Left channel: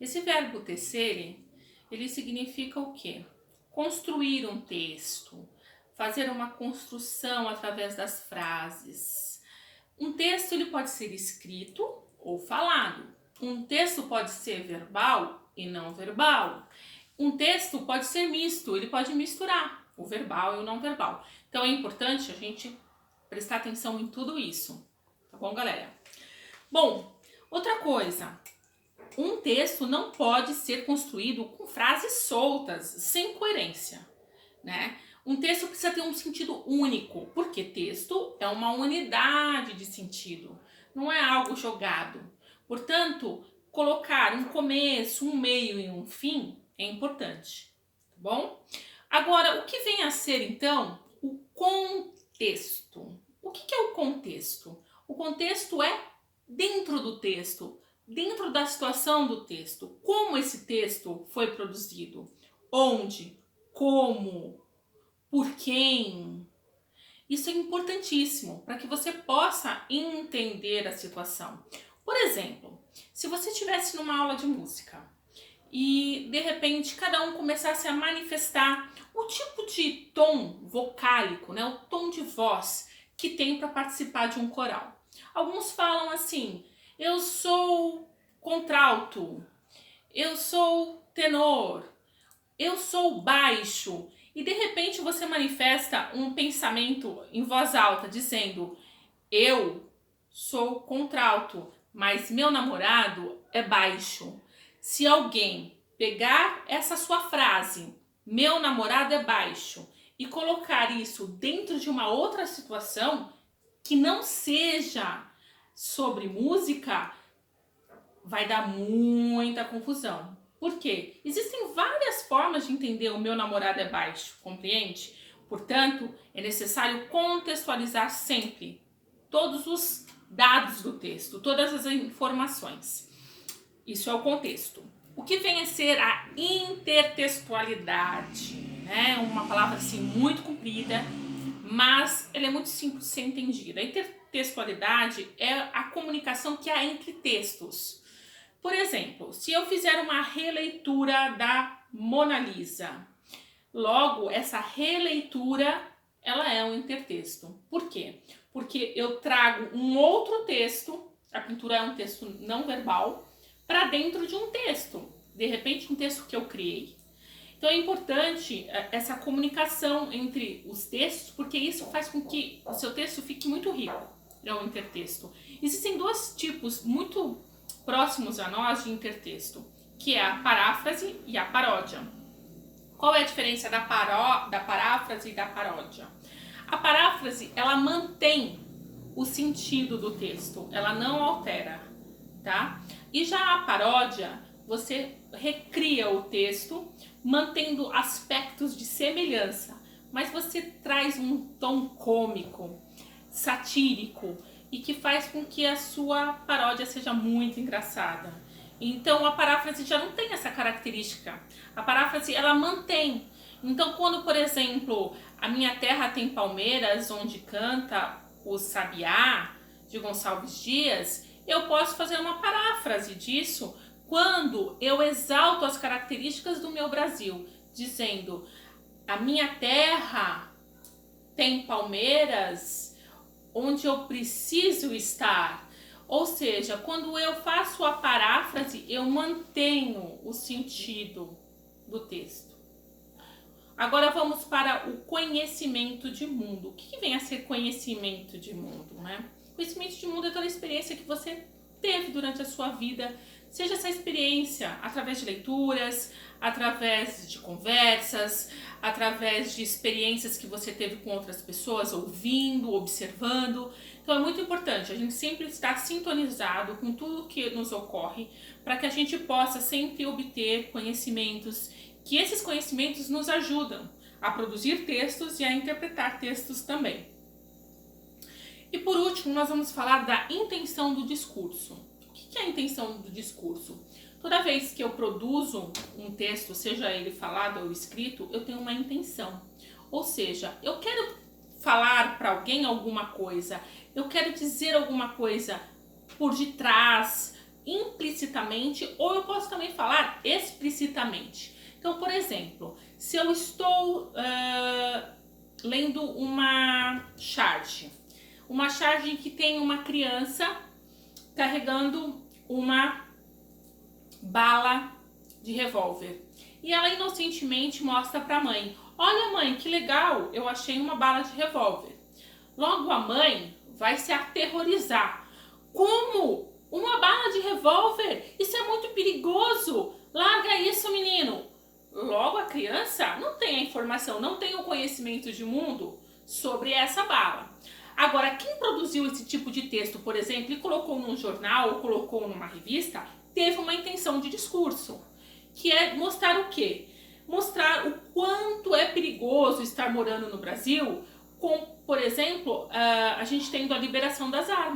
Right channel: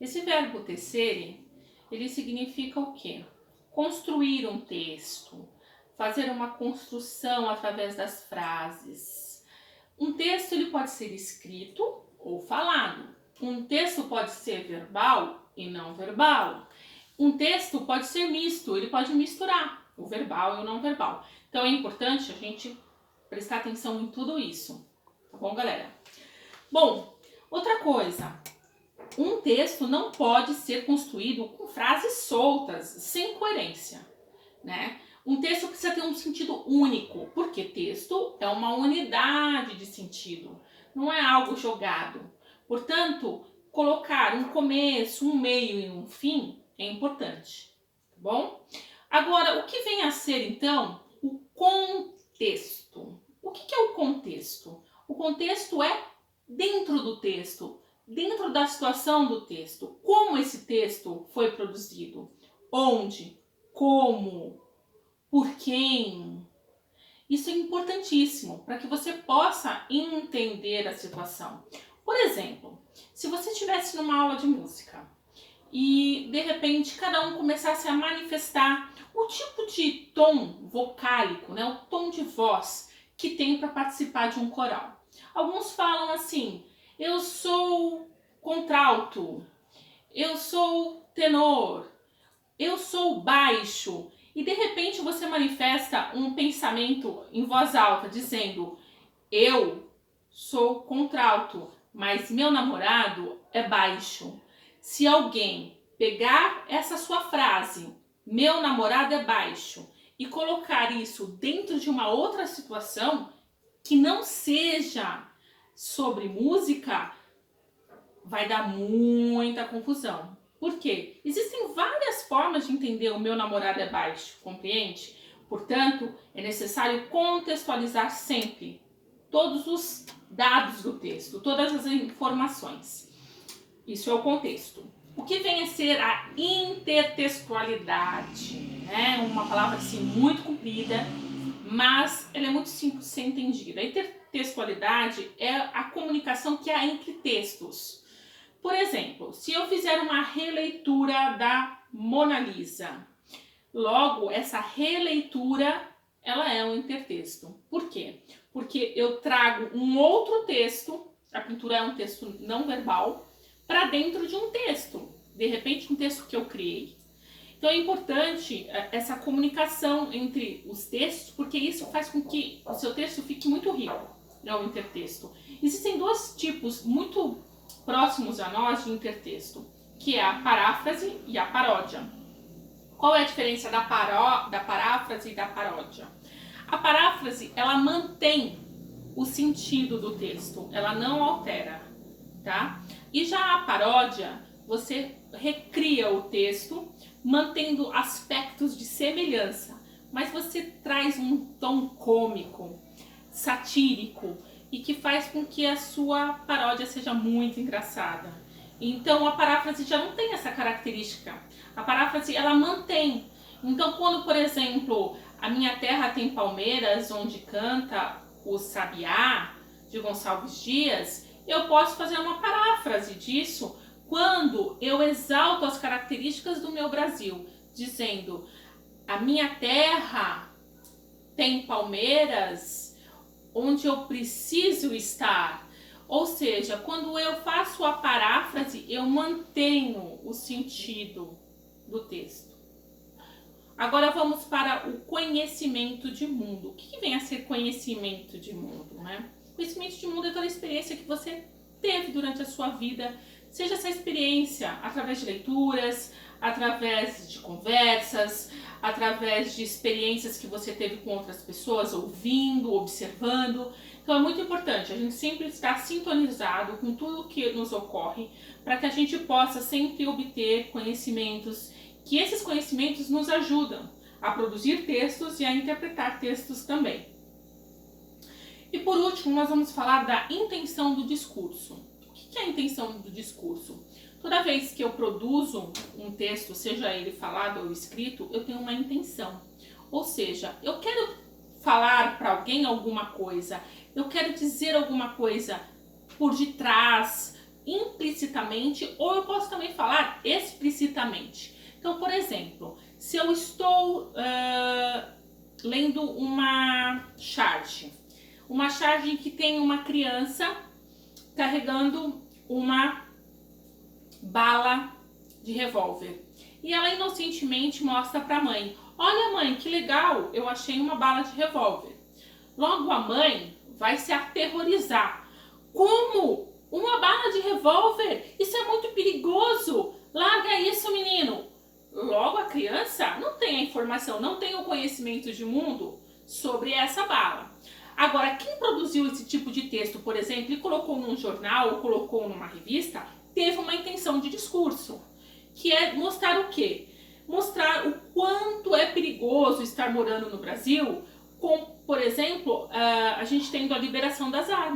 Esse verbo tecere, ele significa o quê? Construir um texto, fazer uma construção através das frases. Um texto ele pode ser escrito ou falado. Um texto pode ser verbal e não verbal. Um texto pode ser misto, ele pode misturar o verbal e o não verbal. Então é importante a gente prestar atenção em tudo isso, tá bom, galera? Bom, outra coisa, um texto não pode ser construído com frases soltas, sem coerência, né? Um texto precisa ter um sentido único, porque texto é uma unidade de sentido, não é algo jogado. Portanto, colocar um começo, um meio e um fim é importante, tá bom? Agora, o que vem a ser então o contexto? O que é o contexto? O contexto é dentro do texto, dentro da situação do texto, como esse texto foi produzido, onde, como, por quem. Isso é importantíssimo para que você possa entender a situação. Por exemplo, se você estivesse numa aula de música e de repente cada um começasse a manifestar o tipo de tom vocálico, né, o tom de voz que tem para participar de um coral. Alguns falam assim: eu sou contralto, eu sou tenor, eu sou baixo. E de repente você manifesta um pensamento em voz alta dizendo: eu sou contralto, mas meu namorado é baixo. Se alguém pegar essa sua frase, meu namorado é baixo, e colocar isso dentro de uma outra situação que não seja sobre música, vai dar muita confusão. Por quê? Existem várias formas de entender o meu namorado é baixo, compreende? Portanto, é necessário contextualizar sempre todos os dados do texto, todas as informações. Isso é o contexto. O que vem a ser a intertextualidade? Né? Uma palavra assim muito comprida, mas ela é muito simples de ser entendida. A intertextualidade é a comunicação que há entre textos. Por exemplo, se eu fizer uma releitura da Mona Lisa, logo essa releitura ela é um intertexto. Por quê? Porque eu trago um outro texto, a pintura é um texto não verbal, para dentro de um texto. De repente, um texto que eu criei. Então é importante essa comunicação entre os textos, porque isso faz com que o seu texto fique muito rico. É o intertexto. Existem dois tipos muito próximos a nós de intertexto, que é a paráfrase e a paródia. Qual é a diferença da paráfrase e da paródia? A paráfrase, ela mantém o sentido do texto, ela não altera, tá? E já a paródia, você recria o texto, mantendo aspectos de semelhança, mas você traz um tom cômico, satírico, e que faz com que a sua paródia seja muito engraçada. Então a paráfrase já não tem essa característica. A paráfrase ela mantém. Então quando, por exemplo, a minha terra tem palmeiras, onde canta o sabiá de Gonçalves Dias, eu posso fazer uma paráfrase disso quando eu exalto as características do meu Brasil, dizendo: a minha terra tem palmeiras onde eu preciso estar. Ou seja, quando eu faço a paráfrase, eu mantenho o sentido do texto. Agora vamos para o conhecimento de mundo. O que vem a ser conhecimento de mundo, né? Conhecimento de mundo é toda a experiência que você teve durante a sua vida, seja essa experiência através de leituras, através de conversas, através de experiências que você teve com outras pessoas, ouvindo, observando. Então é muito importante a gente sempre estar sintonizado com tudo que nos ocorre, para que a gente possa sempre obter conhecimentos, que esses conhecimentos nos ajudam a produzir textos e a interpretar textos também. E por último, nós vamos falar da intenção do discurso. O que é a intenção do discurso? Toda vez que eu produzo um texto, seja ele falado ou escrito, eu tenho uma intenção. Ou seja, eu quero falar para alguém alguma coisa, eu quero dizer alguma coisa por detrás, implicitamente ou eu posso também falar explicitamente. Então, por exemplo, se eu estou lendo uma charge que tem uma criança carregando uma bala de revólver e ela inocentemente mostra para a mãe: olha mãe, que legal, eu achei uma bala de revólver. Logo a mãe vai se aterrorizar. Como? Uma bala de revólver? Isso é muito perigoso. Larga isso, menino. Logo a criança não tem a informação, não tem o conhecimento de mundo sobre essa bala. Agora, quem produziu esse tipo de texto, por exemplo, e colocou num jornal ou colocou numa revista, teve uma intenção de discurso, que é mostrar o quê? Mostrar o quanto é perigoso estar morando no Brasil, com, por exemplo, a gente tendo a liberação das armas.